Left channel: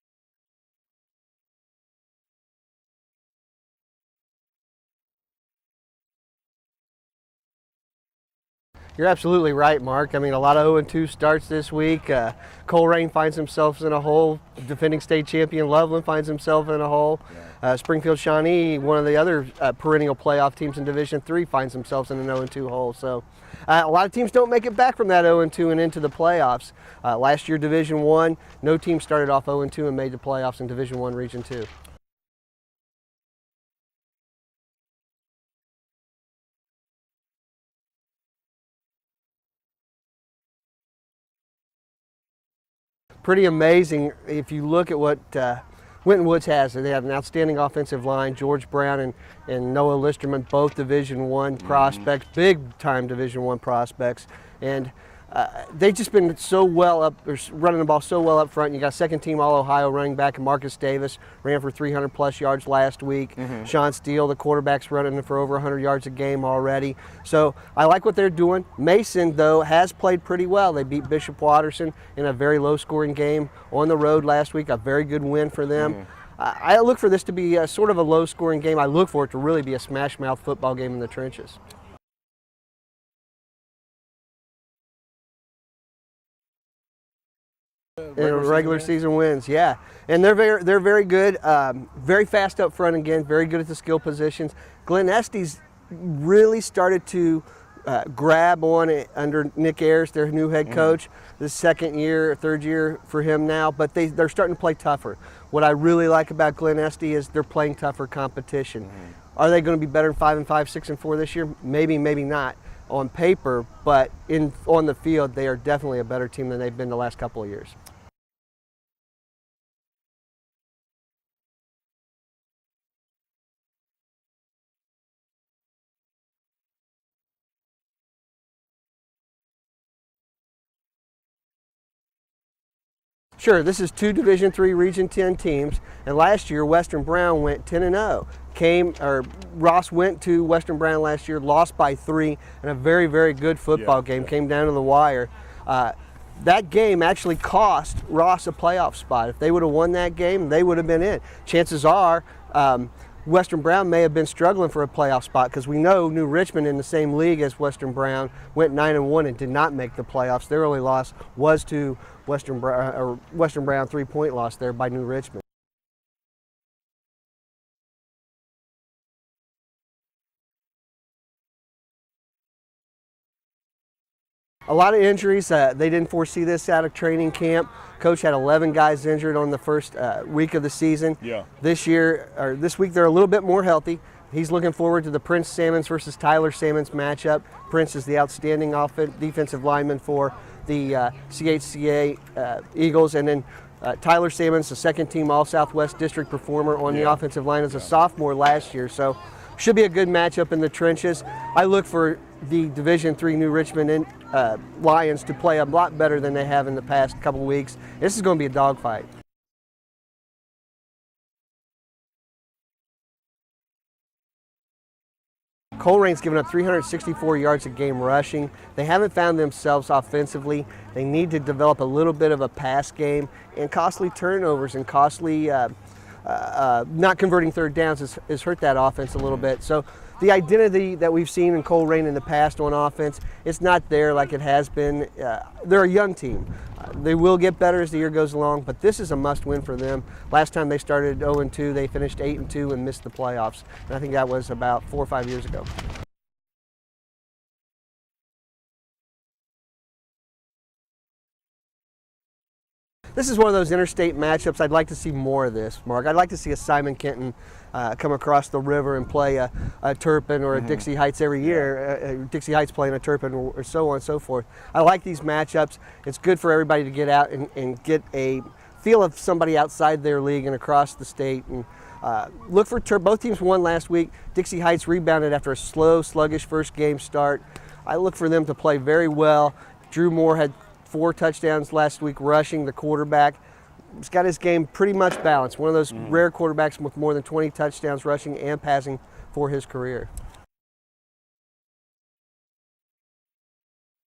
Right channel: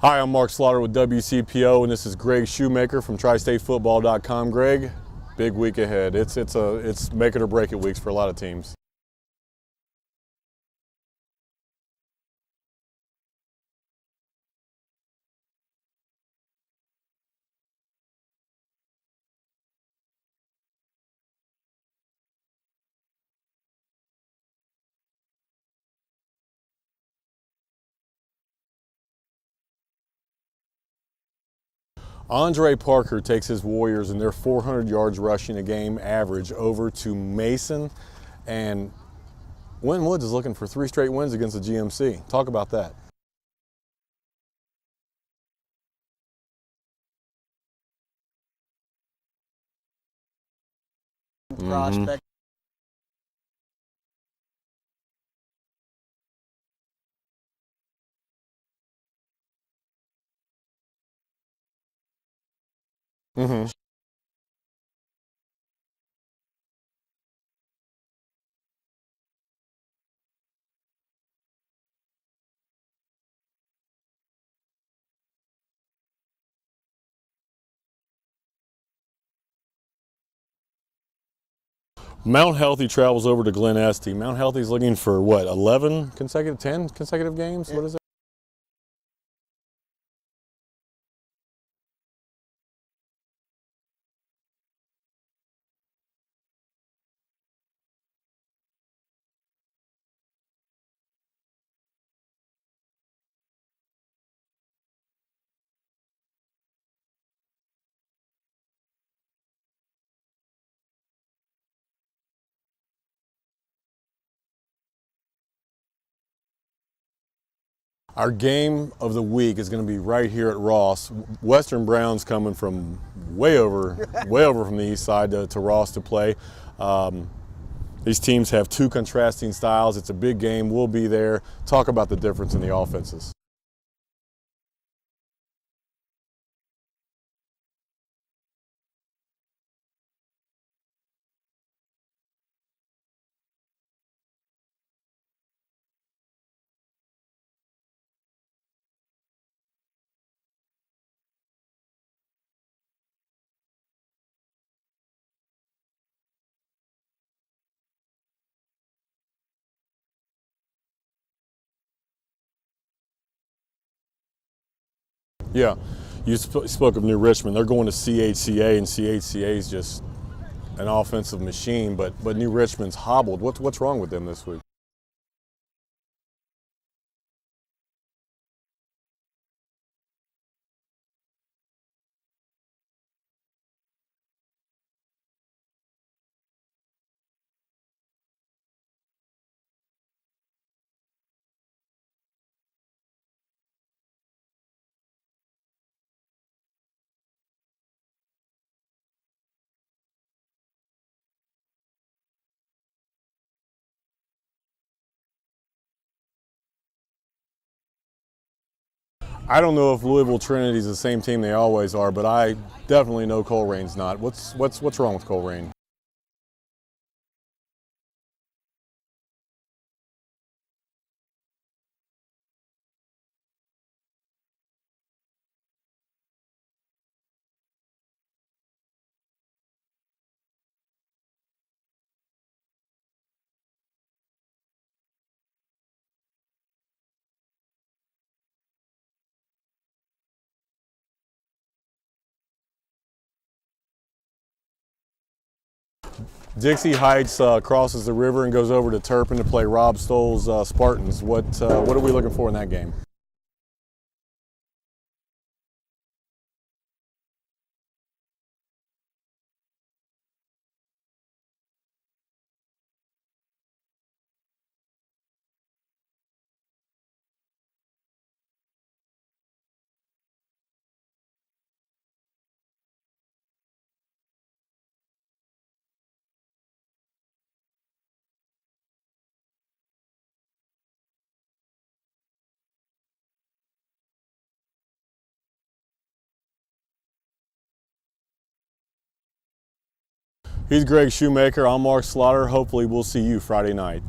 Hi, I'm Mark Slaughter with WCPO, and this is Greg Shoemaker from tristatefootball.com. Greg, big week ahead. It's make it or break it weeks for a lot of teams. You're absolutely right, Mark. I mean, a lot of 0-2 starts this week. Colerain finds themselves in a hole. Defending state champion Loveland finds himself in a hole. Springfield Shawnee, one of the other perennial playoff teams in Division III, finds themselves in an 0-2 hole. So a lot of teams don't make it back from that 0-2 and into the playoffs. Last year, Division I, no team started off 0-2 and made the playoffs in Division I Region II. Andre Parker takes his Warriors and their 400 yards rushing a game average over to Mason, and Winton Woods is looking for 3 straight wins against the GMC. Talk about that. Pretty amazing if you look at what Winton Woods has. They have an outstanding offensive line. George Brown and Noah Listerman, both Division I prospects, big-time Division I prospects. And they've just been so well up, running the ball so well up front. You got second-team All-Ohio running back Marcus Davis, ran for 300-plus yards last week. Sean Steele, the quarterback's running for over 100 yards a game already. So I like what they're doing. Mason, though, has played pretty well. They beat Bishop Watterson in a very low-scoring game on the road last week, a very good win for them. I look for this to be sort of a low-scoring game. I look for it to really be a smash-mouth football game in the trenches. Mount Healthy travels over to Glen Estee. Mount Healthy's looking for, what, 10 consecutive games? What is that? Regular season wins, yeah. And they're very good, very fast up front again, very good at the skill positions. Glen Estee's really started to grab on it under Nick Ayers, their new head coach. This second year, third year for him now, but they're starting to play tougher. What I really like about Glen Estee is they're playing tougher competition. Are they going to be better than 5-5, 6-4 this year? Maybe, maybe not on paper, but on the field, they are definitely a better team than they've been the last couple of years. Our game of the week is going to be right here at Ross. Western Brown's coming from way over from the east side to Ross to play. These teams have 2 contrasting styles. It's a big game. We'll be there. Talk about the difference in the offenses. Sure. This is 2 Division III Region 10 teams, and last year Western Brown went 10-0. Ross went to Western Brown last year, lost by 3, and a very, very good football game. Came down to the wire. That game actually cost Ross a playoff spot. If they would have won that game, they would have been in. Chances are Western Brown may have been struggling for a playoff spot, because we know New Richmond, in the same league as Western Brown, went 9-1 and did not make the playoffs. Their only loss was to Western Brown 3-point loss there by New Richmond. Yeah, you spoke of New Richmond. They're going to CHCA, and CHCA is just an offensive machine, but New Richmond's hobbled. What's wrong with them this week? A lot of injuries. They didn't foresee this out of training camp. Coach had 11 guys injured on the first week of the season. Yeah. This week they're a little bit more healthy. He's looking forward to the Prince Salmons versus Tyler Salmons matchup. Prince is the outstanding defensive lineman for the CHCA Eagles, and then Tyler Salmons, the second-team All-Southwest District performer on the offensive line as a sophomore last year. So should be a good matchup in the trenches. I look for the Division III New Richmond Lions to play a lot better than they have in the past couple weeks. This is going to be a dogfight. I don't know if Louisville Trinity's the same team they always are, but I definitely know Colerain's not. What's wrong with Colerain? Colerain's given up 364 yards a game rushing. They haven't found themselves offensively. They need to develop a little bit of a pass game, and costly turnovers and costly not converting third downs has hurt that offense a little bit. So the identity that we've seen in Colerain in the past on offense, it's not there like it has been. They're a young team. They will get better as the year goes along, but this is a must-win for them. Last time they started 0-2, they finished 8-2 and missed the playoffs. And I think that was about 4 or 5 years ago. Dixie Heights crosses the river and goes over to Turpin to play Rob Stoll's Spartans. What are we looking for in that game? This is one of those interstate matchups. I'd like to see more of this, Mark. I'd like to see a Simon Kenton come across the river and play a Turpin or a Dixie Heights every year. Dixie Heights playing a Turpin or so on and so forth. I like these matchups. It's good for everybody to get out and get a feel of somebody outside their league and across the state. And look for both teams won last week. Dixie Heights rebounded after a slow, sluggish first game start. I look for them to play very well. Drew Moore had 4 touchdowns last week rushing, the quarterback. He's got his game pretty much balanced. One of those rare quarterbacks with more than 20 touchdowns rushing and passing for his career. He's Greg Shoemaker. I'm Mark Slaughter. Hopefully we'll see you Friday night.